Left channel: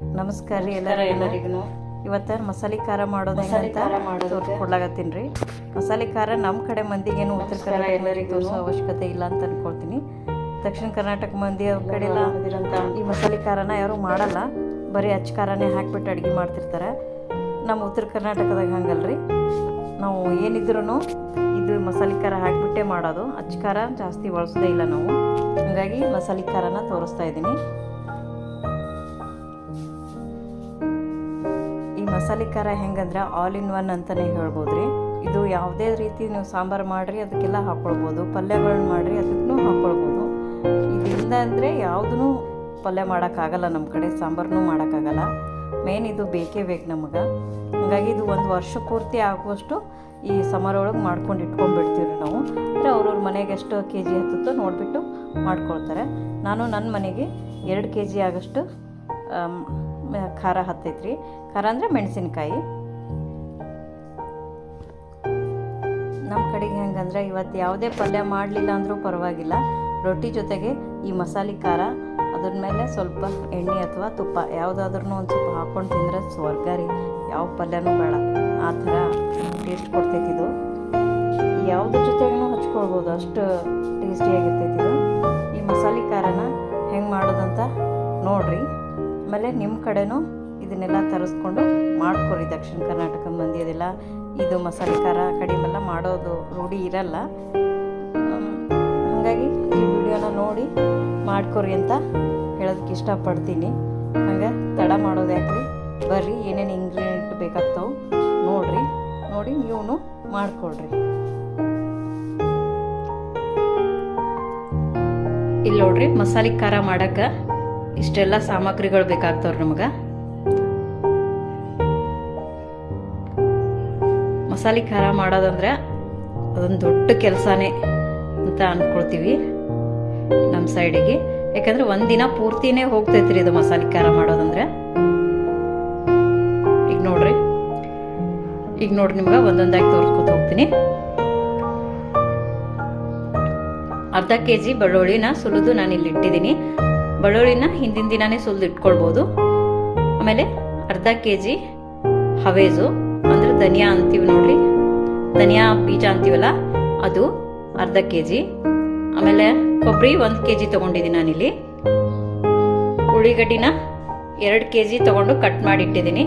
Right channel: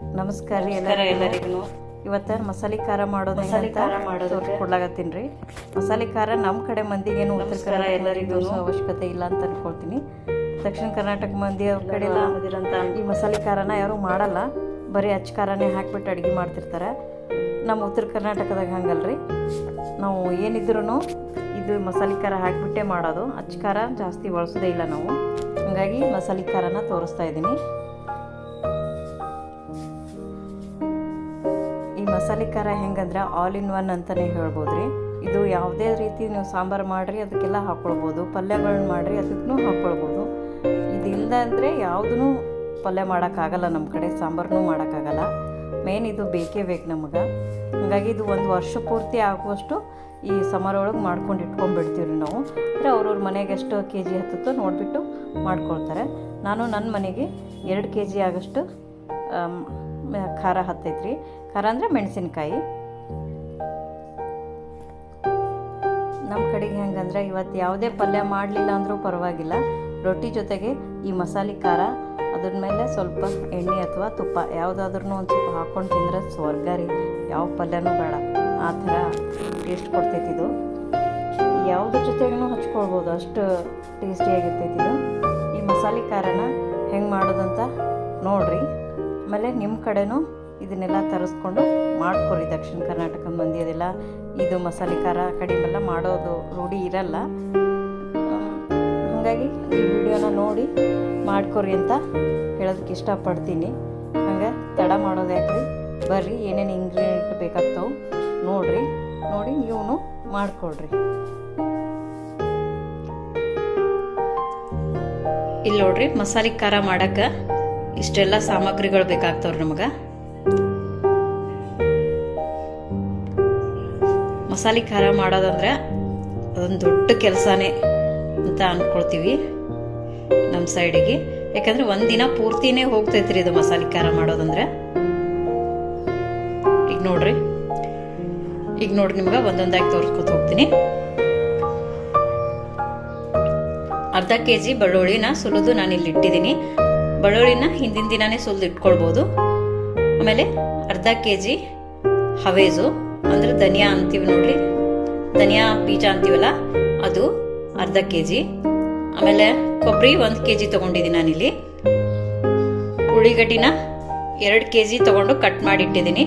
ನಮಸ್ಕಾರ ರೀ ಎಲ್ಲರಿಗೂ. ಇವತ್ತು ಮಸಾಲೆ ಖಾರ ಮಾಡೋದು ಕೊಡ್ಲಾಗತ್ತೀನಿ ರೀ. ಮಸಾಲೆ ಖಾರ ನಮ್ಮ ಕಡೆ ಮಂದಿಗೇನು ಉತ್ತರ ಕನ್ನಡ ಎಲ್ಲರಿಗೂ ಅವಶ್ಯಕತೆ ಇಲ್ಲ ಅಂತ ಅನ್ಕೊಳ್ತೀನಿ. ದಕ್ಷಿಣ ಕರ್ನಾಟಕ ಮಂದಿ ಅವ್ರ ಕಡೆ ಎಲ್ಲ ಈ ಮಸಾಲೆ ಖಾರನ ಯಾರು ಮಾಡಲ್ಲ, ಬರೀ ಅಚ್ಚ ಖಾರನೇ ಹಾಕಿಬಿಟ್ಟು ಅಡುಗೆ ಮಾಡ್ತಿರ್ತಾರೆ. ನಮ್ಮ ಉತ್ತರ ಕರ್ನಾಟಕದಾಗ ಹಂಗಲ್ರಿ, ನಾವು ಏನಿದ್ರು ಇದು ಮಸಾಲೆ ಖಾರ ಹಾಕಿಬಿಟ್ಟೆ ಮಾಡೋದು. ಅಚ್ಚ ಖಾರ ಜಾಸ್ತಿ ಬಳಸೋದೇ ಇಲ್ಲ ನಾವು, ಹಾಗಾಗಿ ಮಸಾಲೆ ಖಾರನ ತೋರಿಸ್ತಾ ಇದ್ದೀನಿ. ಈ ಮಸಾಲೆ ಖಾರ ಹೆಂಗಂದ್ರೆ ಆಲ್ ಇನ್ ಒನ್ ಅಂತಲೇ ಹೇಳ್ಬೋದು ರೀ. ಇದು ಯಾವುದೇ ರೀತಿ ನೀವು ಸಾಂಬಾರು ಮಾಡಿರಿ ಅದಕ್ಕೆಲ್ಲ ಹಾಕ್ಕೊಳ್ಬೋದು, ಪಲ್ಯಗಳನ್ನ ಮಾಡಿರಿ ಅದಕ್ಕೂ ಹಾಕ್ಕೊಳ್ಬೋದು. ಇದಿಲ್ಲ ಅಂದರೆ ಯಾವುದೂ ಪಲ್ಯ ಮಾಡೋಕ್ಕಾಗಲ್ಲ, ನಮ್ಮ ಕಡೆ ಸಾಂಬಾರನ್ನೂ ಮಾಡೋಕ್ಕಾಗಲ್ಲ. ಮೇನ್ ಇದು ಬೇಕೇ ಬೇಕು ನಮಗೆ. ಹಾಗಾಗಿ ಇದು ಒಂದು ವರ್ಷ ಪೂರ್ತಿ ಆಗುವಷ್ಟು ಈ ಸಮರ್ ಒಳಗೆ ಮಾಡ್ಕೊಂಡು ಇಟ್ಕೊಂಡ್ಬಿಡ್ತೀವಿ ರೀ ನಾವು. ಅಂದರೆ ಅವ್ರವ್ರ ಮನೆಗೆ ಎಷ್ಟು ಕೆ ಜಿ ಹತ್ತುತ್ತೋ ನೋಡಿಬಿಟ್ಟು ಮಾಡ್ಕೊಳ್ತಾರೆ. ನಾನು ನನ್ನ ಮನೆಗೆ 2 kg ಆಗಷ್ಟು ಖಾರ ಹತ್ತೈತ್ರಿ. ಖಾರ ಅಂದರೆ ಮೆಣಸಿನ್ಕಾಯಿ. ನಮ್ಮ ಕಡೆಗೆ ಹೆಂಗಂದ್ರೆ ಇವತ್ತು ಯಾವುದೇ ಪಲ್ಯ ಮಾಡಲಿಲ್ಲ ಅಂದರೂ ಪರವಾಗಿಲ್ಲ, ರೊಟ್ಟಿ ಜೊತೆಗೆ ಈ ಮಸಾಲೆ ಖಾರ ಅದ್ರ ಮೇಲೆ ಸ್ವಲ್ಪ ಎಣ್ಣೆ ಅಥವಾ ತುಪ್ಪ ಯಾವುದಾದ್ರೂ ಒಂದು ಸ್ವಲ್ಪ ಹಾಕ್ಕೊಂಡು ತಿಂದರೆ ಸ್ವರ್ಗ ರೀ. ಯಾವ ಪಲ್ಯನೂ ಬೇಡ, ಆ ಥರ ಟೇಸ್ಟ್ ಕೊಡ್ತೈತಿ ಇದು. ಯಾವುದ್ರ ಜೊತೆಗೂ ಹಚ್ಕೊಳ್ಬೋದು, ಅಷ್ಟು ಟೇಸ್ಟಿಯಾಗಿರ್ತೈತಿ ಇದು. ಈ ಮಸಾಲೆ ಖಾರನ ಹೆಂಗೆ ಮಾಡೋದಂತ ನೋಡಿರಿ. ಆಮೇಲೆ ನಿಮ್ಮ ಕಡೆನೂ ಇದನ್ನೆಲ್ಲ ತರಿಸ್ಕೊಂಡು ಮಾಡ್ಕೊರಿ. ದಕ್ಷಿಣ ಕರ್ನಾಟಕದ ಮಂದಿ ಅದೆಲ್ಲ ಇದು ಮಸಾಲೆ ಖಾರ ಕಡಿಮೆಲ್ಲ ಮಾಡೋದು ರೂಢಿ ಇರಲ್ಲ. ಹಾಗಾಗಿ ಈ ವಿಡಿಯೋನ ನೋಡಿ ಮಾಡ್ಕೊರಿ ಅಂತ ಹೇಳೋದಕ್ಕೆ ಇಷ್ಟಪಡ್ತೀನಿ. ಹಂಗೆ ತಡ ಮಾಡೋದು ಯಾಕ್ರಿ, ಬರ್ರಿ ಏನೇನು ಇಂಗ್ರೀಡಿಯೆಂಟ್ ಬೇಕಾಗ್ತಾವೆ ನೋಡಿರಿ, ನೋಡಿ ನೀವು ಮಾಡ್ಕೊಳ್ರಿ. ಇಲ್ಲಿ ನೋಡ್ರಿ, ಮಸಾಲೆ ಖಾರ ಮಾಡೋಕ್ಕೆ ಇಷ್ಟೆಲ್ಲ ಸಾಮಗ್ರಿಗಳು ಬೇಕಾಗ್ತಾವ್ರಿ ನಮಗೆ. ಮಸಾಲೆ ಖಾರ ಮಾಡೋದಂದ್ರೆ ಅದೊಂದು ದೊಡ್ಡ ಕೆಲಸನೇ ಅಂತ ಅಂದ್ಕೊಳ್ತೀವಿ ನಮ್ಮ ಸೈಡಿಗೆ. ಯಾಕಂದ್ರೆ ಒಂದಿನ ಪೂರ್ತಿನೇ ಹೋಗ್ತೈತ್ರಿ ಇದು ಮಸಾಲೆ ಖಾರ ಮಾಡೋದಂದ್ರೆ. ಈಗ ನೋಡ್ರಿ ನಿಮ್ಗೆ ಒಂದೊಂದಾಗಿ ತೋರಿಸ್ಕೊತ ಹೋಗ್ತೀನಿ. ಅರ್ಧ kg ಬೆಳ್ಳುಳ್ಳಿನ ಸುಲಿದು ನಾನು ಇಲ್ಲಿ ಇಟ್ಟಿದ್ದೀನಿ. ಬೆಳ್ಳುಳ್ಳಿನ ಹಿಂದಿನ ದಿನಾನೇ ಸುಲಿದು ಇಟ್ಕೊಳ್ಬೋದು. ಆಮೇಲೆ ಅರ್ಧ kg ಹವೇಜು ಅಂದ್ರೆ ಧನಿಯಾ ಅಂತೀವಿ ನೋಡ್ರಿ, ಧನಿಯಾ ಬೀಜ ಅಂತೀವಲ್ಲ ಅದು ಅರ್ಧ kg. ಆಮೇಲೆ ಕೊಬ್ಬರಿ 1 kg ತೊಗೊಂಡಿದ್ದೀನಿ ನಾನಿಲ್ಲಿ. ಉಳ್ಳಿಗಡ್ಡಿನ 2 kg ತೊಗೊಂಡು ಕಟ್ ಮಾಡಿ ಇಟ್ಟಿದ್ದೀನಿ.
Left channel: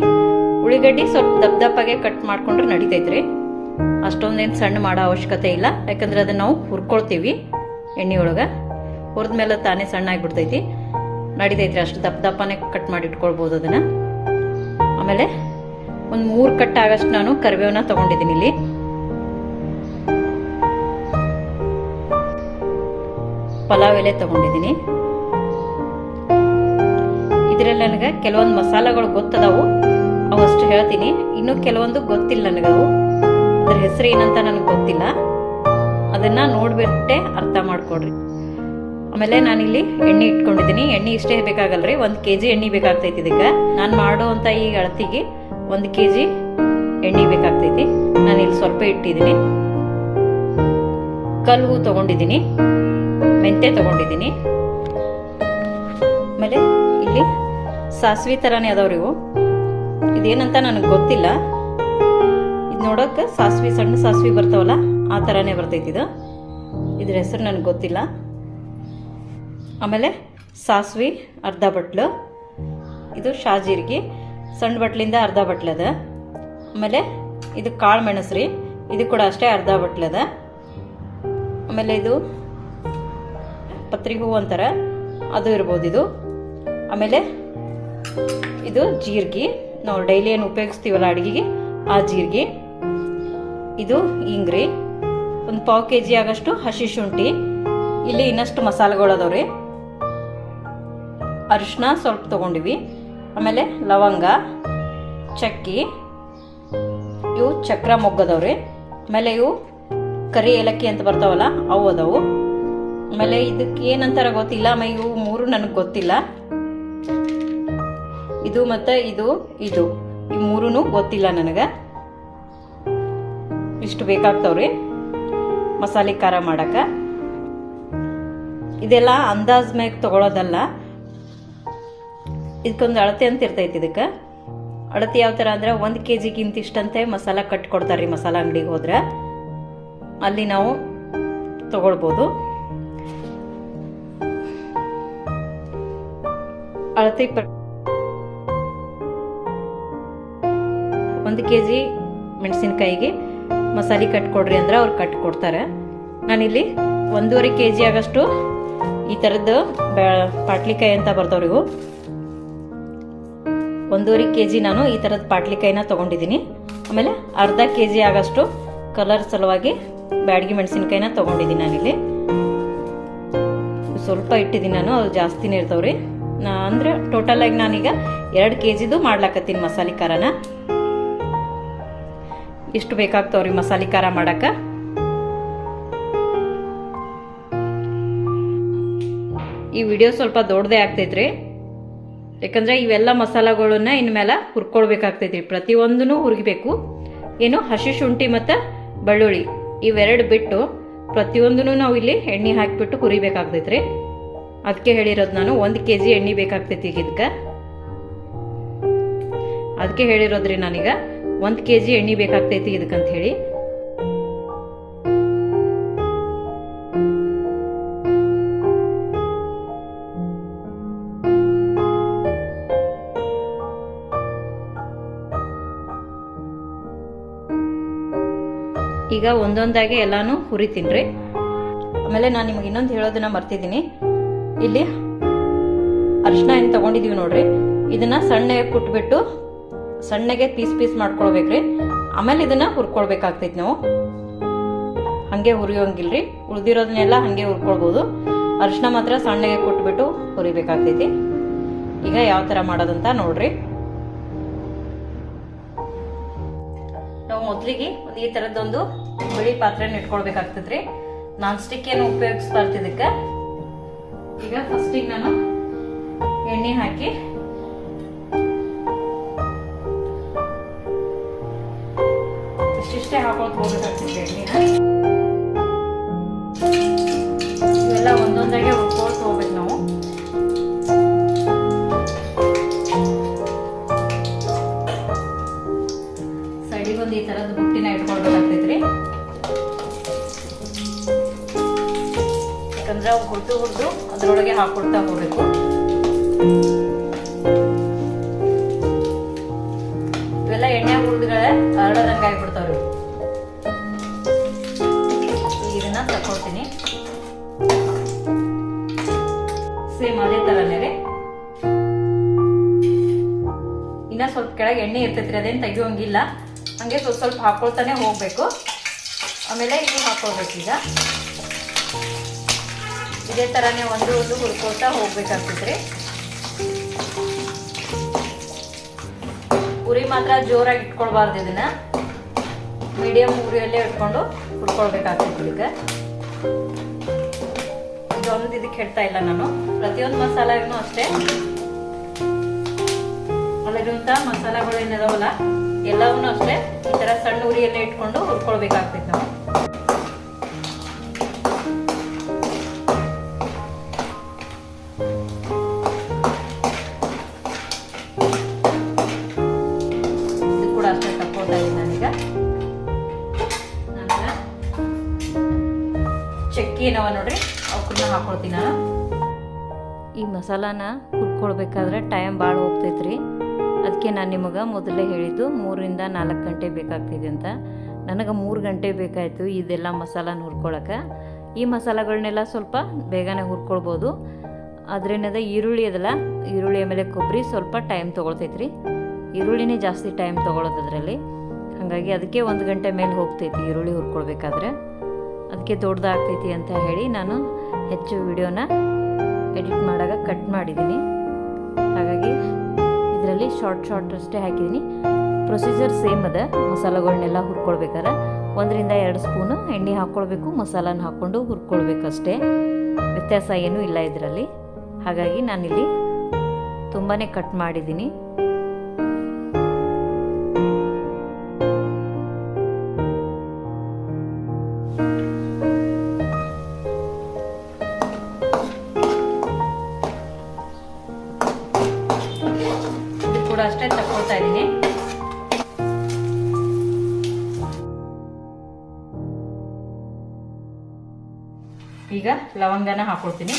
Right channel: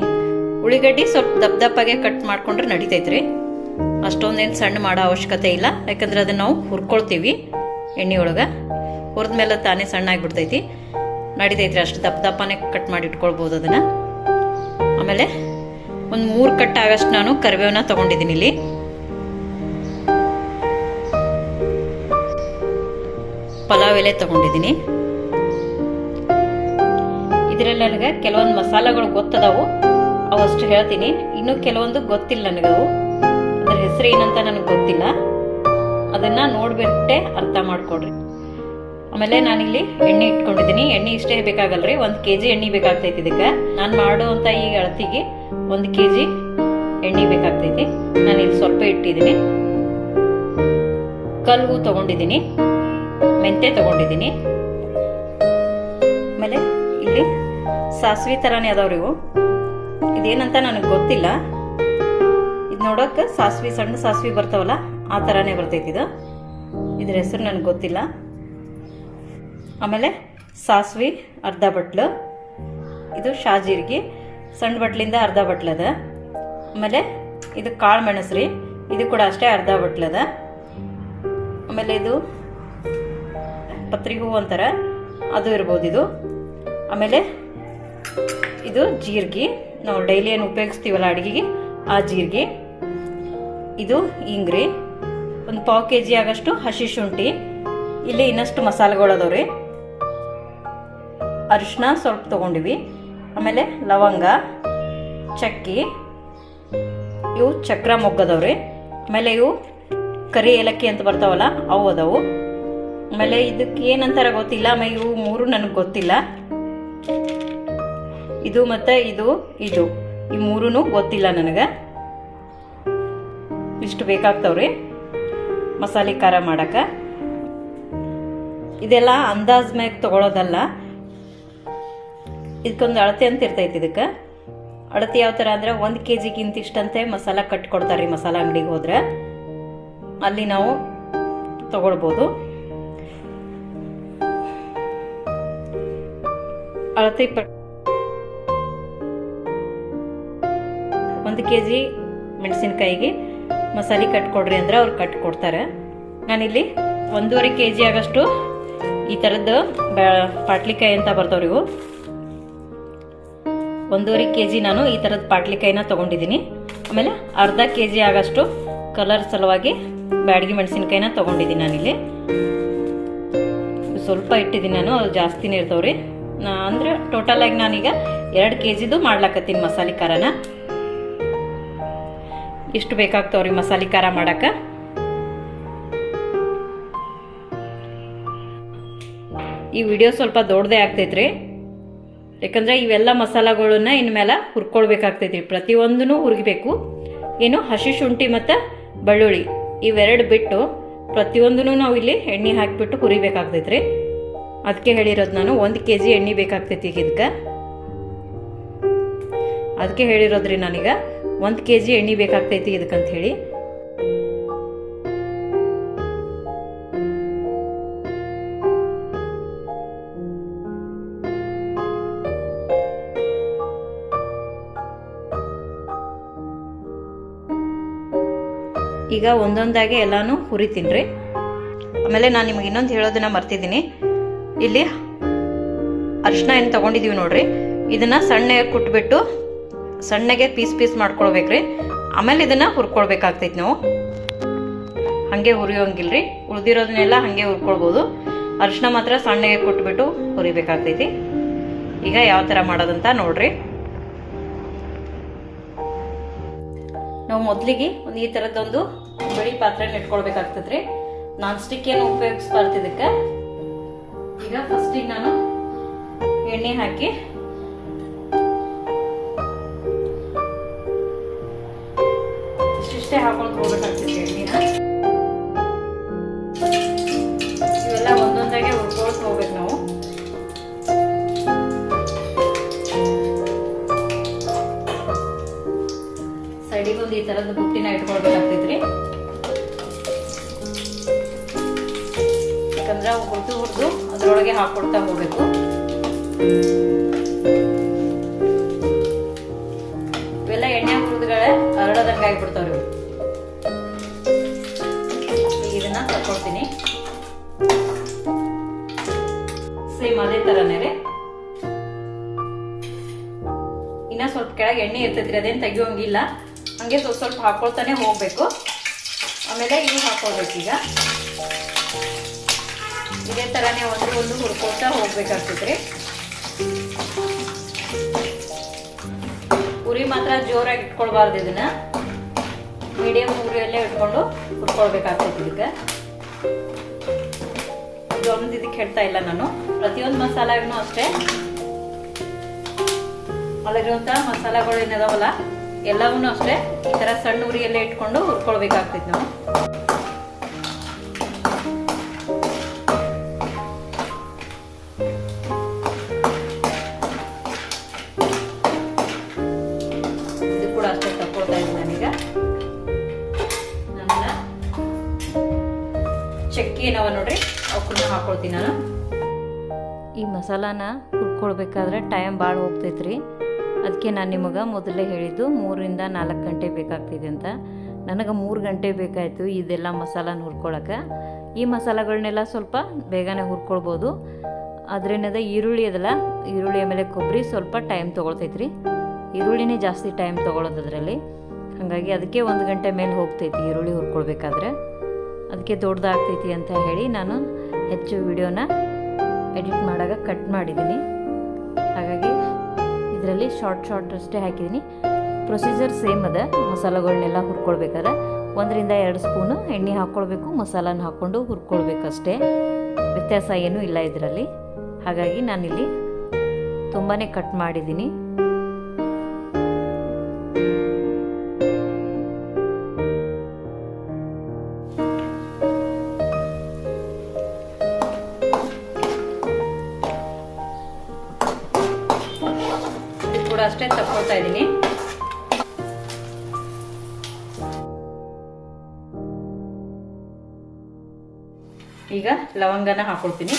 ಉಳ್ಳಿಗಡ್ಡಿ ಸ್ವಲ್ಪ ದಪ್ಪಗೆ ಕಟ್ ಮಾಡ್ಕೊಂಡ್ರೆ ನಡಿತೈತ್ರಿ, ಅಷ್ಟೊಂದೇನು ಸಣ್ಣ ಮಾಡೋ ಅವಶ್ಯಕತೆ ಇಲ್ಲ. ಯಾಕಂದ್ರೆ ಅದನ್ನ ನಾವು ಹುರ್ಕೊಳ್ತೀವಿ ಎಣ್ಣೆಯೊಳಗೆ, ಹುರಿದ್ಮೇಲೆ ತಾನೇ ಸಣ್ಣ ಆಗಿಬಿಡ್ತೈತಿ, ನಡಿತೈತ್ರಿ. ಅಷ್ಟು ದಪ್ಪನೇ ಕಟ್ ಮಾಡಿ ಇಟ್ಕೊಳ್ಬೋದು ಅದನ್ನು. ಆಮೇಲೆ ಒಂದು 3 ಕಟ್ ಆಗಷ್ಟು ನಾನು ಕರಿಬೇವನ್ನ ತೊಗೊಂಡಿದ್ದೀನಿ ಇಲ್ಲಿ. ಪಲಾವ್ ಎಲೆ ತೊಗೊಂಡಿದ್ದೀನಿ. ಇದರಲ್ಲಿ ನನಗೆ ಕೆಲವೊಂದು ಮಸಾಲೆಗಳು ಗೊತ್ತದಾವು, ಅವಷ್ಟು ಹೇಳ್ತೀನಿ. ಇನ್ನು ಕೆಲವೊಂದು ಗೊತ್ತಿಲ್ಲ ನನಗವು, ಅದ್ರ ಹೆಸರು ಏನಂತ ನನಗೆ ಗೊತ್ತಿಲ್ಲ. ಅದನ್ನ ನೋಡ್ಬಿಟ್ಟೆ ಅರ್ಥ ಮಾಡ್ಕೊಡ್ರಿ. ಆಮೇಲೆ ನಾನಿಲ್ಲಿ ಎಣ್ಣೆ ಇಟ್ಕೊಂಡಿದ್ದೀನಿ. ಎಣ್ಣೆ ಇಷ್ಟೇ ಬೇಕಾಗಲ್ರಿ, 1 kg ಎಣ್ಣೆ ಬೇಕಾಗ್ತೈತಿ ಇದಕ್ಕೆ. ನಾನು ಮಾಡುವಂಥ ಈ ಅಳತಿಗೆ 1 kg ಎಣ್ಣೆ ಬೇಕಾಗ್ತೈತಿ. ನಾನಿಲ್ಲಿ ಸ್ವಲ್ಪ ಇಟ್ಟಿದ್ದೀನಿ. ಕಲ್ಲು ತಗೊಂಡಿದ್ದೀನಿ, ಮೆಂತೆ ತಗೊಂಡಿದ್ದೀನಿ. ಆಮೇಲೆ ಇಲ್ಲಿ ಸಾಸಿವೆ ಥರನೇ ಅದಾವ್ರಿ ಇವು. ಇದೇನಂತ ನನಗೆ ಗೊತ್ತಿಲ್ಲ. ಇದು ನೋಡೋಕೆ ಸಾಸಿವೆ, ಸಣ್ಣ ಸಾಸಿವೆ ಬರ್ತಾವಲ್ಲ ಆ ಥರನೇ ಬರ್ತೈತಿ ಇದು. ಇದ್ರ ಹೆಸರು ನನಗೆ ಗೊತ್ತಿಲ್ಲ. ಆಮೇಲೆ ಸಾಸಿವೆ ಅರ್ಧ ಬಟ್ಲು, ಇದು ಶಾಜೀರಿಗೆ ಸಣ್ಣ ಬಟ್ಲಿಂದ ಅರ್ಧ ಬಟ್ಲದ. ಆಮೇಲೆ ಇದು ಕಾಳು ಮೆಣಸ್ರಿ, ಇದು ಕೂಡ ಅಷ್ಟೇ ಅರ್ಧ ಬಟ್ಲದ. ಆಮೇಲೆ ಇದು ಪತ್ರಿ ಹೂವು ಅಂತಾರೆ, ಅದು ಇರ್ಬೋದು ಇದು. ಆಮೇಲೆ ಇದು ಜೀರಿಗೆ, ನಾವು ಡೈಲಿ ಏನು ಉಪಯೋಗಿಸ್ತೀವಲ್ಲ ಅಡುಗೆಗೆ ಆ ಜೀರಿಗೆ. ಇದು ಇಂಗ್ರಿ, ಒಂದು 1/4 kg ಆಗಷ್ಟು ಹಸಿ ಶುಂಠಿ. ಇಲ್ಲಿ ಇನ್ನಷ್ಟು ಮಸಾಲೆಗಳು ಅದಾವ್ರಿ. ಅರಿಶಿನ ಸ್ವಲ್ಪ ತೊಗೊಂಡಿವಿ. ಆಮೇಲೆ ಲವಂಗ, ಚಕ್ಕಿ, ಇವು ಚಕ್ರ ಮೊಗ್ಗದವ್ರಿ. ಆಮೇಲೆ ಇವು ಕರಿ ಏಲಕ್ಕಿ ಅಂತ ಬರ್ತಾವಲ್ಲ ಅವು ಅದಾವು. ಆಮೇಲೆ ಇದಕ್ಕೆ ಏನಂತಾರ ಗೊತ್ತಿಲ್ಲ. ಆಮೇಲೆ ಇವು 3 ನನಗೆ ಗೊತ್ತಿಲ್ಲ. ಇದು ಮತ್ತು ಇದು ಈ 3 ಗೊತ್ತಿಲ್ಲ ನನಗೆ. ಇಷ್ಟು ಬೇಕಾಗ್ತಾವ್ರಿ ಮಸಾಲೆ ಖಾರ ಮಾಡಕ್ಕೆ. ಇದೆಲ್ಲ ಅಂದಾಜ್ ಮ್ಯಾಗ ತಗೊಳ್ಳೋದಲ್ಲ. ಇದಕ್ಕೊಂದು ಅಳತೆ ಅಂತ ಇರ್ತೈತಿ. ಇದಕ್ಕೆ ಅಳತೆ ಯಾವ ಥರ ಅಂದ್ರೆ 1 kg ಇಷ್ಟಂತೆ ಮಸಾಲ ಕಟ್ ಕೊಡ್ತಾರೆ ರೀ. ಮಸಾಲ ಅಂಗಡಿಗೆ ಹೋದ್ರೆ ಅಲ್ಲಿ ನಾವು ತಗೊಳ್ಬೋದು. ಅಳತೆ 1 kg ಮೆಣಸಿನ್ಕಾಯಿಗೆ ಮಸಾಲೆ ಕಟ್ ಕೊಡ್ರಿ ಅಂದ್ರೆ ಅವ್ರು ಕಟ್ ಕೊಡ್ತಾರೆ. ನಾನಿಲ್ಲಿ 1.5 kg ಆಗಷ್ಟು ಈ ಥರದ್ದು ಪಾಟ್ಲಿಕಾಯಿ ಅಂತ ಬರ್ತಾವ್ರಿ ಇವು. 1.5 kg ನಾನು ಈ ಥರದ ಪಾಟ್ಲಿಕಾಯಿನ ತೊಗೊಂಡಿದ್ದೀನಿ. ಆಮೇಲೆ ಅರ್ಧ kg ಆಗಷ್ಟು ಕಲರ್ ಸಲುವಾಗಿ ಬ್ಯಾಡಗಿ ಮೆಣಸಿನ್ಕಾಯಿನ ತೊಗೊಂಡಿದ್ದೀನಿ. ನಾನಿಲ್ಲಿ ಸ್ವಲ್ಪ ಇಟ್ಟಿದ್ದೀನಿ ನಾನು, ಅದು ಜಾಸ್ತಿನೇ ಇರ್ತಾವ್ರಿ. ಅಂದ್ರೆ ಟೋಟಲ್ ಆಗಿ ನಾನೀಗ 2 kgದು ಮಾಡ್ಲಾಕತ್ತೀನಿ ಮಸಾಲೆ ಖಾರನ. ಇಷ್ಟು ಬೇಕಾಗ್ತಾವ್ರಿ ಮಸಾಲೆ ಖಾರ ಮಾಡಕ್ಕೆ. ಈ ವಿಡಿಯೋ ಸ್ವಲ್ಪ ದೊಡ್ಡದೇ ಆಗ್ತೈತ್ರಿ, ಯಾಕಂದ್ರೆ ಇವೆಲ್ಲ ಮಸಾಲಗಳನ್ನ ಇನ್ಮೇಲೆ ಹುರ್ಕೊಳ್ಬೇಕಾಗ್ತೈತಿ. ಪ್ರತಿಯೊಂದೂ ಹುರಿಬೇಕು. ಏನು ಹಸಿ ಶುಂಠಿ ಮತ್ತು ಬೆಳ್ಳುಳ್ಳಿ ಇವೆರಡು ಬಿಟ್ಟು ಪ್ರತಿಯೊಂದೂ ನಾವು ಇಲ್ಲಿ ಎಣ್ಣೆ ಹಾಕಿಬಿಟ್ಟು ಹುರಿಬೇಕಾಗ್ತೈತ್ರಿ. ಅದಕ್ಕೆ ಹೇಳಿರೋದು ನಾನು 1 kg ಎಣ್ಣೆ ಬೇಕಾಗ್ತೈತಿ ಈಗ ಇದಕ್ಕೆ. ಅದಕ್ಕೆ ಹೇಳಿರೋದ್ರಿ ನಾನೀಗ 1 kg ಎಣ್ಣೆ ಬೇಕಾಗ್ತೈತಿ ಇದಕ್ಕಂತ ಹೇಳಿ. ಈಗ ಒಂದೊಂದಾಗಿ ಎಲ್ಲಾನು ಹುರಿತೀನಿ. ಆಮೇಲೆ ನಾನು ನಿಮಗೆ ಇನ್ನೊಂದು ಹೇಳೋದನ್ನ ಮರ್ತಿದ್ದೀನಿ. ಇಲ್ಲಿ ಅರಿಶಿನ ಏನು ತೊಗೊಂಡಿದ್ದೀವಿ ನೋಡ್ರಿ, ಇದನ್ನು ಸಣ್ಣಗೆ ಕುಟ್ಬಿಟ್ಟು ಸಣ್ಣಗೆ ಪೀಸ್ ಮಾಡ್ಕೊಳ್ಬೇಕ್ರಿ. ಆಮೇಲೆ ಇದನ್ನು ಹುರ್ಕೊಳ್ಬೇಕಾಗ್ತೈತಿ. ನಾವು ಹಾಗೆ ಹುರಿಯೋಂಗಿಲ್ರಿ, ಉಳಿದಿರೋದನ್ನೆಲ್ಲ ಹಾಗೆ ಹುರ್ಕೊಳ್ಬೋದು. ಅರಿಶಿನ ಮಾತ್ರ ಸಣ್ಣಗೆ ಕುಟ್ಬಿಟ್ಟು ಹುರಿಬೇಕಾಗ್ತೈತಿ. ಈಗ ಯಾವ ಥರ ಮಾಡೋದಂತ ನೋಡ್ರಿ. ನಾವು ಮೊದಲಿಗೆ ಈ ಥರದ್ದೊಂದು ಬಿಳಿ ಪಾತ್ರೆನ ಇಟ್ಕೊಳ್ಬೇಕಾಗ್ತದ್ರಿ. ನಾನ್ ಸ್ಟಿಕ್ ಏನು ಉಪಯೋಗಿಸ್ಬಾರ್ದು ಇದಕ್ಕೆ. ಈಗ ಫಸ್ಟಿಗೆ ನಾನು ಎಣ್ಣೆ ಹಾಕಿ ಇಷ್ಟಿಷ್ಟೇ ಹಾಕೊಂಡು ಹೋಗ್ಬೇಕಾಗ್ತದೆ ಎಣ್ಣೆನ. ಇವೆಲ್ಲ ಒಂದೊಂದಾಗೆ ಹುರ್ಕೊಳ್ತಾ ಹೋಗ್ಬೇಕು ನಾವು. ಸೈಡಿಗೊಂದು ಈ ತರದ ಬುಟ್ಟಿನ ಇಟ್ಕೊಳ್ಬೇಕಾಗ್ತೈತ್ರಿ. ಯಾಕಂದ್ರೆ ಅವು ಹುರಿದು ಅದ್ರೊಳಗೆ ಹಾಕೊಳ್ತಾ ಹೋಗ್ಬೇಕು. ಇವೆಲ್ಲ ಎಣ್ಣೆ ಹುರಿದುಗಳೇ ಹರಡೋದಂಗೆ ಆಗಿಬಿಡ್ತಾವ್ರಿ. ಈಗ ಇದನ್ನ ತಕೊಳ್ತೀನಿ. ಸೇಮ್ ಅದೇ ತರನೇ ರೀ. ಇನ್ನ ಸ್ವಲ್ಪ ಕೆಳಗೆ ಎಣ್ಣೆ ಇರ್ತೈತ್ರಿ, ಅದೇನು ತೆಗಿಯೋಂಗಿಲ್ಲ. ಹಂಗೆ ಸ್ವಲ್ಪ ಸ್ವಲ್ಪ ಹಾಕೊಳ್ತಾನೆ ಹೋಗ್ಬೇಕು. ಆಮೇಲೆ ಇದು ಹಾಕೊಳ್ಬೇಕು. ಈಗ ಇದೇ ತರಾನೇ ಒಂದು ಹುರ್ಕೊಳ್ತಾ ಹೋಗ್ಬೇಕಾಗ್ತೈತ್ರಿ. ಉರಿ ಮಾತ್ರ ಜೋರಾಗಿ ಇಟ್ಕೊಳ್ಬಾರ್ದು. ಇದನ್ನ ಮೀಡಿಯಂ ಉರಿಯಲ್ಲೇ ಇಟ್ಕೊಂಡು ಹುರ್ಕೊಳ್ಬೇಕಾಗ್ತೈತಿ. ಇದಕ್ಕೆ ಇದೊಂದು ಇದಕ್ಕೆ ಹೇಳ್ತಾ ಇಲ್ಲ ನಾನು. ಪ್ರತಿಯೊಂದು ಮಸಾಲೆಗೂ ಅಷ್ಟೇ ಅಲ್ಲಿರುವಂತ ಮಸಾಲೆಗಳೇನಿದಾವಲ್ಲ ಎಲ್ಲವನ್ನೂ ಅಷ್ಟೇ ಈ ತರ ಸಣ್ಣ ಉರಿಯಲ್ಲೇ ಇಟ್ಕೊಂಡು ಹುರ್ಕೊಳ್ಬೇಕಾಗ್ತೈತಿ ನಾವು. ಇದು ಕೂಡ ಅಷ್ಟೇ ತಕ್ಕೊಳ್ತಾ ಇದ್ದೀನಿ ನಾನೀಗ. ನನ್ನ ಚಕ್ಕೆ ಏನವ ನೋಡ್ರಿ ಅವಕ್ಕನ್ನ ಹಾಕೊಳ್ತೀನಿ ನಾನು. ಈ ಮಸಾಲಾನ ಹುರ್ಕೊಳ್ಬೇಕಾದ್ರೆ ಟೈಮ್ ಭಾಳ ಹೋಗ್ತೈತ್ರಿ. ಅದಕ್ಕೆ ನಾನು ನಿಮಗೆ ಮೊದಲೇ ಹೇಳಿದ್ದು 3 ರಿಂದ 4 ಗಂಟೆ ಬೇಕಾಗ್ತಿದೆ ಅಂತ. ನನಗೆ 3 ಗಂಟೆ ಬೇಕಾಯಿತು ಇದೆಲ್ಲ ಮಸಾಲಾನ ಹುರ್ಕೊಳಕ್ಕೆ. ಈ ಮಸಾಲೆಗಳನ್ನೆಲ್ಲ ಸ್ವಲ್ಪ ಬೇಗನೆ ಹುರ್ಕೊಳ್ಬೋದು. ಅದ್ರೇನದ ಈರುಳ್ಳಿ ಅದಲ್ಲ, ಈರುಳ್ಳಿ ಆಮೇಲೆ ಕೊಬ್ಬರಿ ಸ್ವಲ್ಪ ಟೈಮ್ ತೊಗೊಳ್ತೈತ್ರಿ. ಈರುಳ್ಳಿನೇ ಜಾಸ್ತಿ ಟೈಮ್ ತೊಗೊಳೋದು ಅದರಲ್ಲಿ. ಹಾಗಾಗಿ ಅದಕ್ಕೆ 1 ಗಂಟೆ ಮೇಲೆ ಹೋಗ್ತೈತಿ ಈರುಳ್ಳಿ ಹುರ್ಕೊಳ್ಬೇಕಾದ್ರೆ. ಅದಕ್ಕೆ ದೊಡ್ಡದಾಗ್ತೈತಿ ಅಂತ ಹೇಳಿ ನಾನು ಹೆಚ್ಚು ವಿಡಿಯೋನ ಎಡಿಟ್ ಮಾಡಾಗ ಕಟ್ ಮಾಡಿದ್ದೀನಿ. ಹಾಗಾಗಿ ಇದರಲ್ಲಿ ಶಾರ್ಟ್ ಅಷ್ಟೇ ಹಾಕಿದ್ದೀನಿ. ಪ್ರೊಸೀಜರ್ ಸೇಮ್ ಅದ. ಮಸಾಲೆಗಳನ್ನೆಲ್ಲ ಹುರ್ಕೊಳ್ಬೇಕಾದ್ರೆ 1 ರಿಂದ 2 ಸ್ಪೂನು ಎಣ್ಣೆ ಹಾಕ್ಕೊಳ್ಬೇಕು. ಮಸಾಲಾನ ಹಾಕ್ಕೊಂಡು ಹುರ್ಕೊಳ್ಬೇಕಷ್ಟೇ, ವ್ಯತ್ಯಾಸ ಏನೂ ಇಲ್ಲ ಇದರಲ್ಲಿ. ಹಾಗಾಗಿ ನಾನಿಲ್ಲಿ ತುಂಬಾ ಕಟ್ ಮಾಡಿದ್ದೀನಿ. ಇದು ಕೂಡ ಅಷ್ಟೇ ತಗೊಳ್ತಾ ಇದ್ದೀನಿ. ಈಗ ಲವಂಗನ ಹಾಕೊಳ್ತೀನಿ.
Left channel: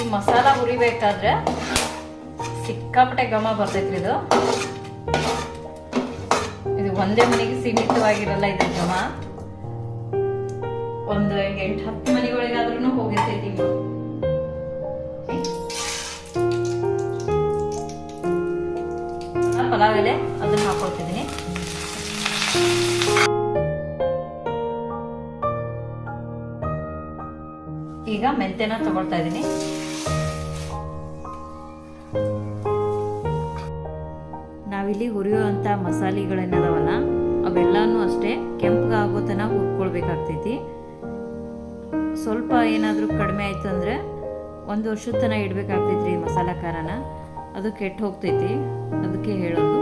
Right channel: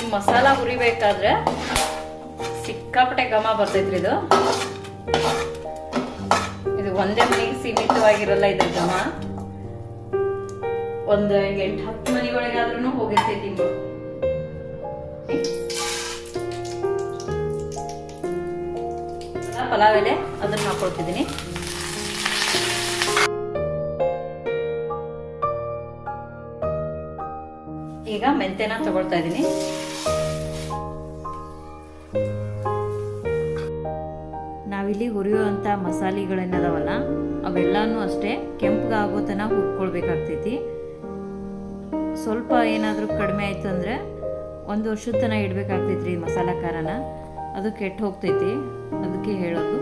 ಈ ಮಸಾಲ ಹುರಿಬೇಕಾದ್ರೆ ಸಿಕ್ಕಾಪಟ್ಟೆ ಘಮ ಬರ್ತೈತ್ರಿ. ಇದು ಒಂದೇ ಮನೆಗೆ ಸೀಮಿತವಾಗಿರಲ್ಲ ಇದ್ರ ಘಮ. ಒಂದು 8-10 ಮನೆಗಳಿಗಾದ್ರೂ ಹೋಗಿರ್ತೈತಿ. ಪಲಾವ್ ಎಲೆ ಅದನ್ನ ಹಾಕೊಳ್ತಿದ್ದೀನಿ. ಈಗ ಮೆಂತೆನ ತಗೊಳ್ತಾ ಇದ್ದೀನಿ. ನಾವಿಲ್ಲಿ ಹುರಿಯುವಂಥ ಮಸಾಲೆಗಳೇನದಾವಲ್ಲ ಅವೆಲ್ಲಾನು ಅಷ್ಟೇ ಕೆಂಪಗಾಗೋ ತನಕ ಹುರ್ಕೊಳ್ಬೇಕಾಗ್ತೈತಿ. ಸ್ವಲ್ಪ ಏನಾದರೂ ಕಡಿಮೆ ಆಯಿತು ಅಂದರೆ 1 ವರ್ಷದ ತನಕ ಇಡಬೇಕಾಗ್ತೈತ್ರಿ ಈ ಮಸಾಲ ಖಾರನ. ಅದು ಕೆಟ್ಟು ಹೋಗ್ತೈತಿ. ಅದಕ್ಕೆ ಹೇಳೋದು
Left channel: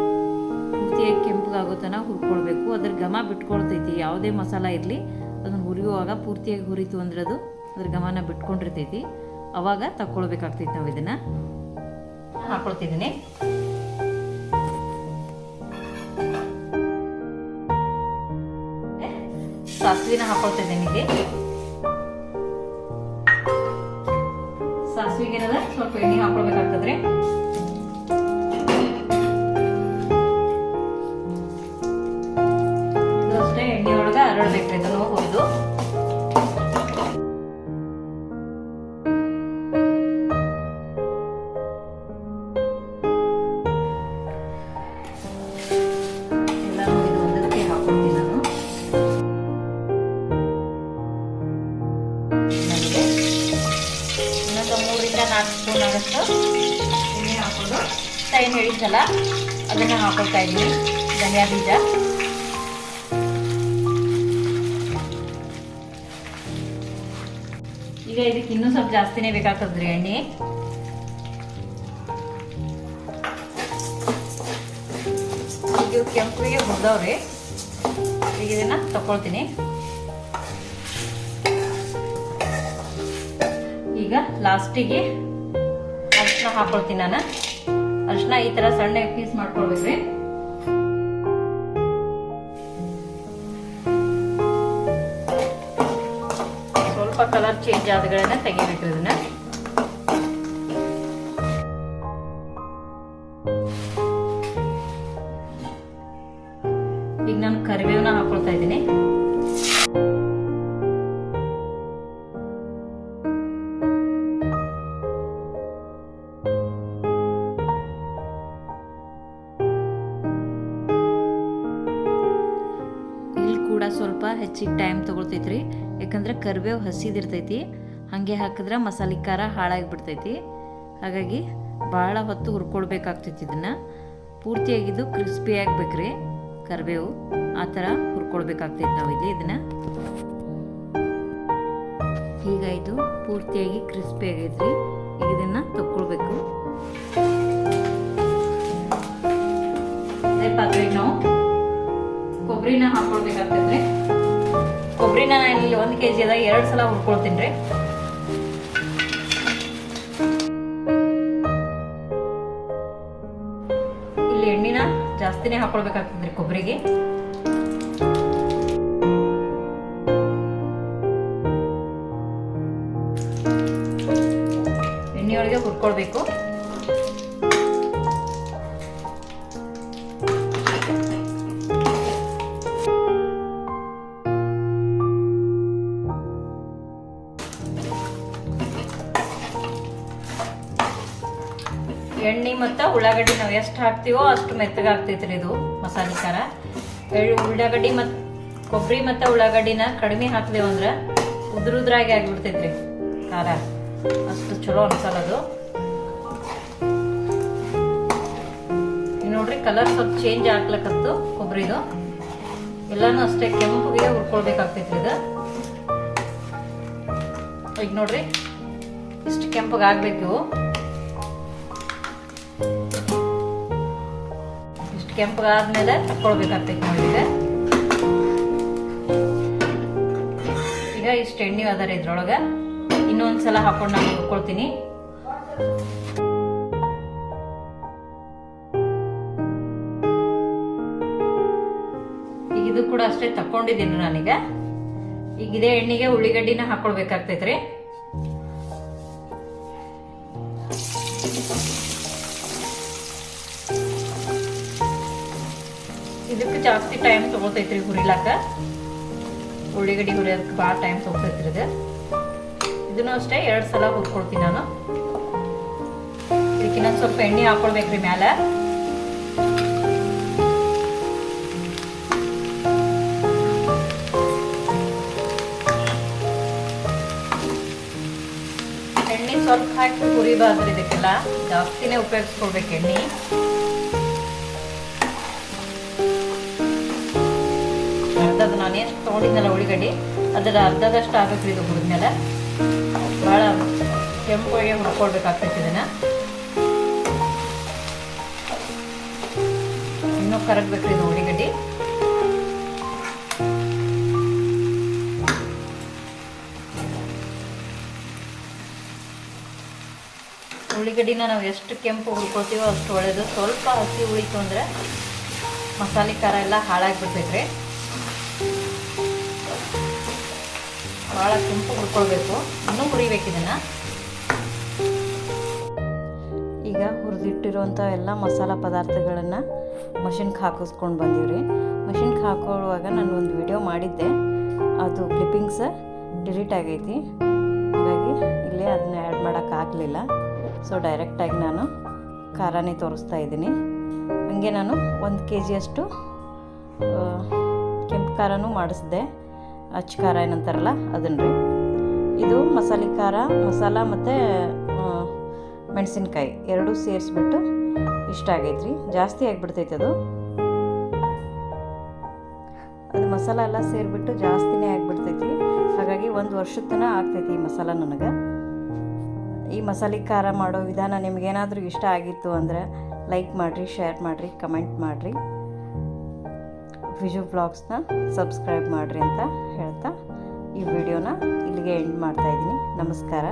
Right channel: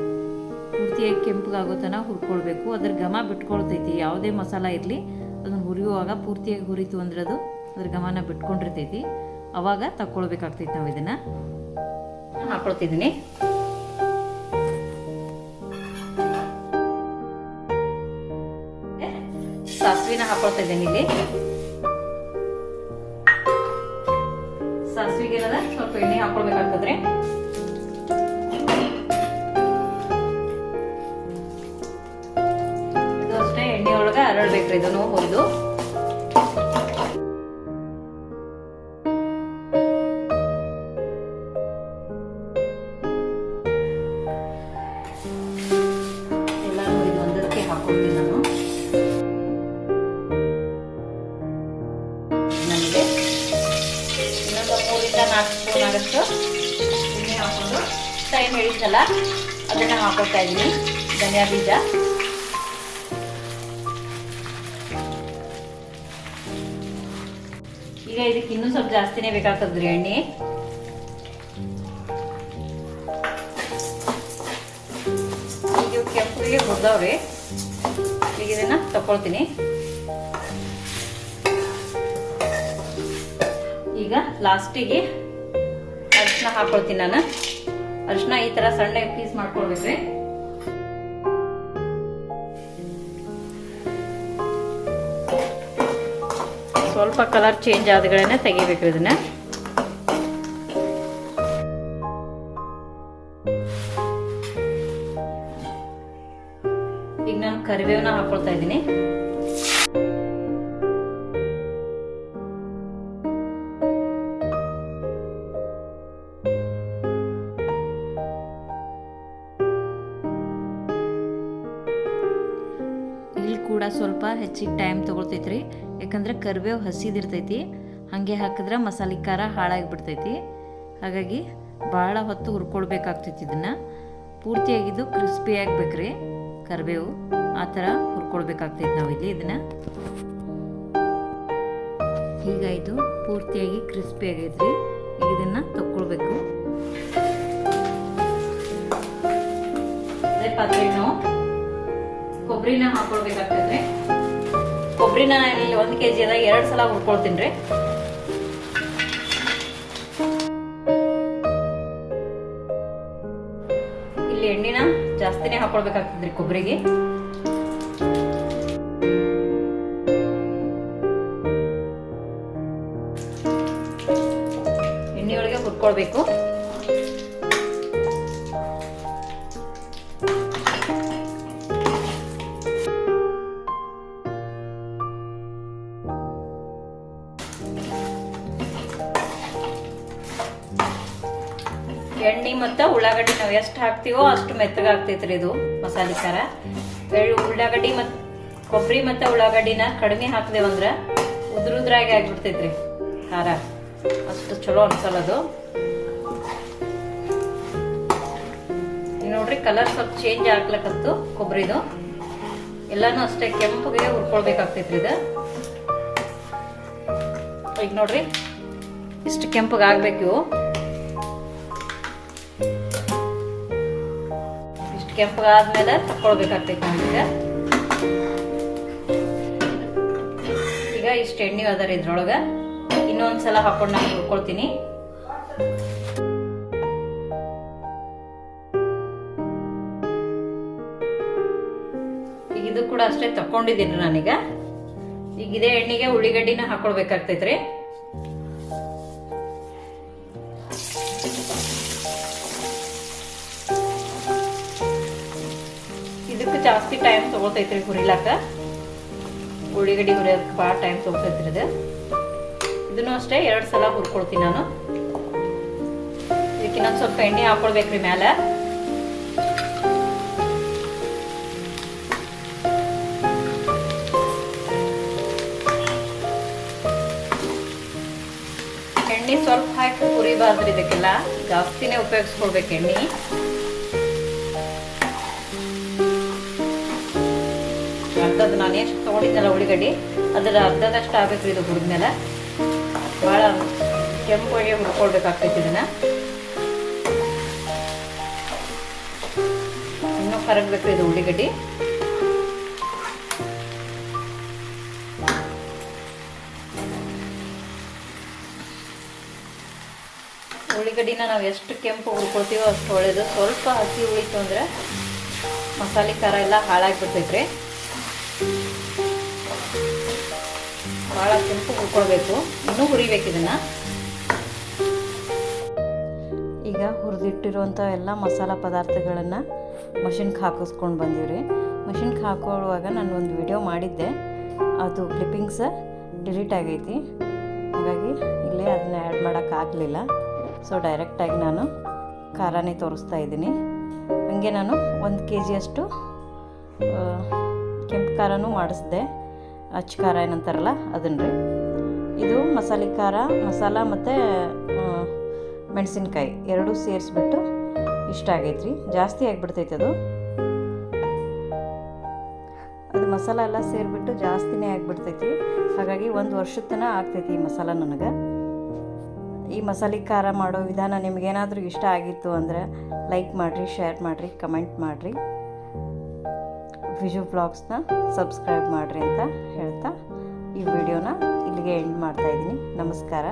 ಪೂರ್ತಿಯಾಗಿ ಕೆಂಪಗಾಗೋ ತನಕ ಹುರ್ಕೊಳ್ಬೇಕು. ಅದ್ರ ಘಮ ಬಿಟ್ಕೊಳ್ತೈತಿ. ಯಾವುದೇ ಮಸಾಲ ಇರಲಿ ಅದನ್ನು ಹುರಿಯುವಾಗ ಪೂರ್ತಿಯಾಗಿ ಹುರಿತು ಅಂದ್ರೆ ಅದು ಅದ್ರ ಘಮನ ಬಿಟ್ಕೊಂಡಿರ್ತೈತಿ. ಅವಾಗ ತಗೊಳ್ಬೇಕಾಗ್ತೈತಿ. ನಾವು ಇದನ್ನು ಹಾಕೊಳ್ತಿದ್ದೀನಿ. ಸಾಸಿವೆನ ಹಾಕೊಳ್ತಾ ಇದ್ದೀನಿ. ಇಲ್ಲಿ ಸಾಸಿವೆಗೆ ಸ್ವಲ್ಪ ಎಣ್ಣೆ ಹಾಕೊಳ್ಬೇಕಾಗ್ತದ್ರಿ. ಇದು ಅಷ್ಟೇ ಎಣ್ಣೆ ಒಳಗೆ ಅರಳ್ಬೇಕ್ರಿ. ಇದನ್ನು ಹುರಿದು ಎಲ್ಲಾನು ಇದು ಒಂದಕ್ಕೆ ಹಾಕೊಳ್ತೀನಿ ನಾನು. ನಮಗೆ ಇನ್ನೊಂದು 3-4 ಸ್ಪೂನ್ ಆಗುತ್ತೆ ಎಣ್ಣೆ ಹಾಕೊಂಡು ಟೈಮ್ ಹೇಳಿದ್ನಲ್ಲ ಅದನ್ನ ಹಾಕೊಳ್ತಾ ಇದ್ದೀನಿ. ಧನಿಯಾ ಬೀಜ, ಈಗ ಇದಕ್ಕೆ ಇನ್ನೂ ಸ್ವಲ್ಪ ಜಾಸ್ತಿನೇ ಬೇಕಾಗ್ತದ್ರಿ ಎಣ್ಣೆ. ಇದು ಕೆಂಪಿಗೆ ಹುರಿದವ್ರಿ. ಈಗ ಇದನ್ನ ತಕೊಳ್ತೀನಿ. ಈಗ ಲಾಸ್ಟಿಗೆ ಅರಿಶಿನ ಹಾಕೊಳ್ತೀನಿ ನಾನು. ಅರಿಶಿನ ಈ ತರ ಸಣ್ಣ ಪೀಸ್ ಮಾಡ್ಕೊಳ್ಬೇಕ್ರಿ. ಸ್ವಲ್ಪ ಕಲರ್ ಚೇಂಜ್ ಆದಗಳನ್ನ ತೆಗಿಬೇಕು ಇದನ್ನ. ಈಗ ನಾನು ಕರಿಬೇವನ್ನ ಹಾಕೊಳ್ತಾ ಇದ್ದೀನಿ. ಇಲ್ಲಿ ಕೂಡ ಸ್ವಲ್ಪ ಹೆಚ್ಚಿಗೆ ಟೈಮ್ ತಗೊಳ್ತೈತ್ರಿ. ಯಾಕಂದ್ರೆ ಕರಿಬೇವು ಹಸಿದಿರ್ತೈತಿ. ಹಾಗೆ ಹಾಕಿದ್ರೆ ಮಸಾಲೆ ಖಾರ ಹಾಳಾಗಿಬಿಡ್ತೈತಿ. ಹಾಗಾಗಿ ಭಾಳ ಹೊತ್ತು ಹುರ್ಕೊಳ್ಬೇಕಾಗ್ತೈತಿ. ಇದನ್ನು ಪೂರ್ತಿಯಾಗಿದ್ದು ಕ್ರಿಸ್ಪಿ ಆಗ್ಬೇಕ್ರಿ. ಕರಿಬೇವು ಆ ಥರ ಹುರ್ಕೊಳ್ಬೇಕಾಗ್ತೈತಿ ನಾವು ಇಲ್ಲಿ ಇದನ್ನು. ಈಗ ಇದು ಪೂರ್ತಿಯಾಗಿ ಕ್ರಿಸ್ಪಿ ಆಗೈತ್ರಿ. ಈಗ ಇದನ್ನು ತಗೊಳ್ಬೇಕು. ಅದೇ ಪಾತ್ರೆಗೆ ನಾವು ಕೊಬ್ಬರಿನ ಹಾಕೊಳ್ಬೇಕಾಗ್ತೈತ್ರಿ. ಕೊಬ್ಬರಿನ ಇಲ್ಲಿ 1 kg ಅದಾಗ 2 ಸಲ ಹುರ್ಕೊಳ್ತೀನಿ ರೀ. ಇಲ್ಲಿ ಎಣ್ಣೆನ ಜಾಸ್ತಿನೇ ಹಾಕೊಳ್ಬೇಕಾಗ್ತದ್ರಿ ಕೊಬ್ಬರಿಗೆ. ಎಣ್ಣೆಯೊಳಗೆ ಹುರ್ಕೊಳ್ಬೇಕು. ಎಣ್ಣೆ ಮತ್ತು ಉಳ್ಳಾಗಡ್ಡಿ ನಾವು ಎಷ್ಟು ಹಾಕ್ತೀವೋ ಅಷ್ಟು ಮೆತ್ತಗಾಗ್ತೈತ್ರಿ ಇದು ಮಸಾಲೆ ಖಾರ. ಉಳ್ಳಾಗಡ್ಡಿ ಮತ್ತು ಕೊಬ್ಬರಿ ಮತ್ತು ಉಳ್ಳಾಗಡ್ಡಿನ ಕಡಿಮೆ ಹಾಕ್ದೇವಂದ್ರೆ ಉದ್ರಾಗಿ ಆಗಿಬಿಡ್ತೈತ್ರಿ ಖಾರ. ಅಷ್ಟು ಚಲೋ ಅನ್ಸಲ್ಲದು. ನೋಡ್ರಿ ಕಲರ್ ಸ್ವಲ್ಪ ಚೇಂಜ್ ಆಗ್ಲಕತ್ತು ಕೊಬ್ಬರಿದು. ಎಲ್ಲಾನು ಅಷ್ಟೇ ಕೆಂಪಗೆ ಹುರ್ಕೊಳ್ಬೇಕಾಗ್ತೈತ್ರಿ ಇದು. ಈಗ ನೋಡ್ರಿ ಇಷ್ಟು ಕೆಂಪಗೆ ಆಗ್ಬೇಕು. ಇಷ್ಟು ಕೆಂಪಗಾದ್ಮೇಲೆ ತಕ್ಕೊಳ್ಬೇಕಾಗ್ತೈತಿ ನಮ್ಗೆ. ಈಗ ಇಷ್ಟು ಎಣ್ಣೆ ಅದರ ಇದ್ರೊಳಗ ಇನ್ನೊಂದ್ಸಲ ಹಾಕೊಂಡು ನಾನು ಹುರ್ಕೊಳ್ತೀನಿ. ಕೂಡ ಅಷ್ಟೇ ತಕೊಂಡಿದ್ದೀನಿ ನಾನೀಗ. ಈಗ ಇದೇ ಎಣ್ಣೆಗೆ ಉಳ್ಳಿಗಡ್ಡಿನ ಹಾಕೊಳ್ಬೇಕಾಗ್ತೈತ್ರಿ. ಇದಕ್ಕೆ ಜಾಸ್ತಿ ಟೈಮ್ ತಗೋತೈತ್ರಿ ಹುರಿಲಾಕ. ಉಳ್ಳಿಗಡ್ಡಿ ಹುರಿಯೋದಕ್ಕೆ ಭಾಳ ಟೈಮ್ ತಗೋತೈತ್ರಿ ಇದು. ಇದನ್ನು ಅಷ್ಟೇ 2 ಸಲ ಹುರ್ಕೊಳ್ತೀನಿ ನಾನು. ಇದಕ್ಕೆ ಇನ್ನೊಂದು ಸ್ವಲ್ಪ ಎಣ್ಣೆ ಹಾಕೊಳ್ಬೇಕ್ರಿ ಮ್ಯಾಲ. ಎಣ್ಣೆ ಸ್ವಲ್ಪ ಹಾಕಿ ಹುರಿಬಾರ್ದ್ರಿ, ಇದಕ್ಕೆಲ್ಲ ಜಾಸ್ತಿನೇ ಉಪಯೋಗಿಸ್ಕೊಳ್ಬೇಕು ಎಣ್ಣೆ. ಅರ್ಧದ ನಾನು ಎಷ್ಟು ತೊಗೊಂಡಿದ್ನಲ್ಲ ಉಳ್ಳಿಗಡ್ಡಿ, ಅದರ ಅರ್ಧದಷ್ಟು ಆಗಬೇಕ್ರಿ ಇದು ಹುರಿದ್ಮೇಲೆ. ಭಾಳ ಕೆಂಪುಗೆ ಹುರ್ಕೊಳ್ಬೇಕಾಗ್ತೈತಿ ಇದನ್ನ. ಇನ್ನೂ ಕರಗಬೇಕ್ರಿ ಇದು ಉಳ್ಳಿಗಡ್ಡಿ. ಉಳ್ಳಿಗಡ್ಡಿನ ನಾವು ಎಷ್ಟು ಕೆಂಪು ಹುರ್ಕೊಳ್ತೀವೋ ಅಷ್ಟು ಒಳ್ಳೇದು. ಸ್ವಲ್ಪ ಹಸಿ ಉಳಿತು ಅಂದರೆ ಮಸಾಲೆ ಖಾರ ಎಲ್ಲ ಹಾಳಾಗ್ಬಿಡ್ತೈತ್ರಿ. ಭಾಳ ಕೆಂಪು ಹುರ್ಕೊಳ್ಬೇಕು, ಇನ್ನೂ ಹುರಿಬೇಕು ಇದನ್ನ. ಈಗ ಹುರಿದಿಟ್ಟಿರುವಂಥ ಎಲ್ಲ ಮಸಾಲ ಪದಾರ್ಥಗಳನ್ನು ಮಷಿನ್ಗೆ ಹಾಕಿಸ್ಕೊಂಡು ಬಂದೀವ್ರಿ. ಮಷಿನ್ಗೆ ಹಾಕೊಳ್ಳುವಾಗ ನಾನು ಒಂದು ವಿಡಿಯೋ ಮಾಡಿದ್ದೆ, ಅದು ಕ್ಲಿಪ್ಪಿಂಗ್ಸ್ ಡಿಲೀಟ್ ಆಗೈತಿ. ಹಾಗಾಗಿ ಇಲ್ಲೇ ಅದನ್ನ ಆ್ಯಡ್ ಮಾಡೋಕ್ಕಾಗಲಿಲ್ಲ. ಸೊ ಡೈರೆಕ್ಟಾಗಿ ನಾನು ಖಾರನೇ ತೋರಿಸ್ತಾ ಇದ್ದೀನಿ. ಹಾಗೆ ನಾನು 1 kg ಅಷ್ಟು ಕೆಂಪು ಖಾರನೂ ಮಾಡಿಸಿದೆ. ಅಚ್ಚ ಖಾರ ಏನಂತಾರಲ್ಲ ಅದನ್ನು ರೀ. ಇದು ಮಸಾಲೆ ಖಾರ, ಮಸಾಲ ಮತ್ತು ಮೆಣಸಿನ್ಕಾಯಿ ಎರಡೂ ಸೇರಿಸ್ಬಿಟ್ಟು ಇಷ್ಟ ಆಗೈತ್ರಿ. ಜಾಸ್ತಿ ಆಗಿಬಿಡ್ತೈತೆ ಅದು ಮಸಾಲ ಎಲ್ಲ ಸೇರಿಬಿಟ್ಟು ಜಾಸ್ತಿನೇ ಆಗಿಬಿಡ್ತೈತಿ. ಹಾಗಾಗಿ 1 ವರ್ಷದ ತನಕ ಆಗ್ತೈತಿ ಈ ಮಸಾಲ ನನಗೆ. ಈ ಮಸಾಲೆ ಖಾರ ಮಾಡೋ ವಿಧಾನ ನಿಮಗೇನಾದರೂ ಇಷ್ಟ ಆಗಿತ್ತು ಅಂದರೆ ಲೈಕ್ ಮಾಡಿರಿ, ಶೇರ್ ಮಾಡಿರಿ, ಕಮೆಂಟ್ ಮಾಡಿರಿ. ವಿಜು ವ್ಲಾಗ್ಸ್ನ ಸಬ್ಸ್ಕ್ರೈಬ್ ಮಾಡಿರಿ ಅಂತ ಹೇಳ್ತಾ ಈ ವಿಡಿಯೋನ ಇಲ್ಲಿಗೆ ಎಂಡ್ ಮಾಡ್ತಾಯಿದ್ದೀನಿ. ನಮಸ್ಕಾರ.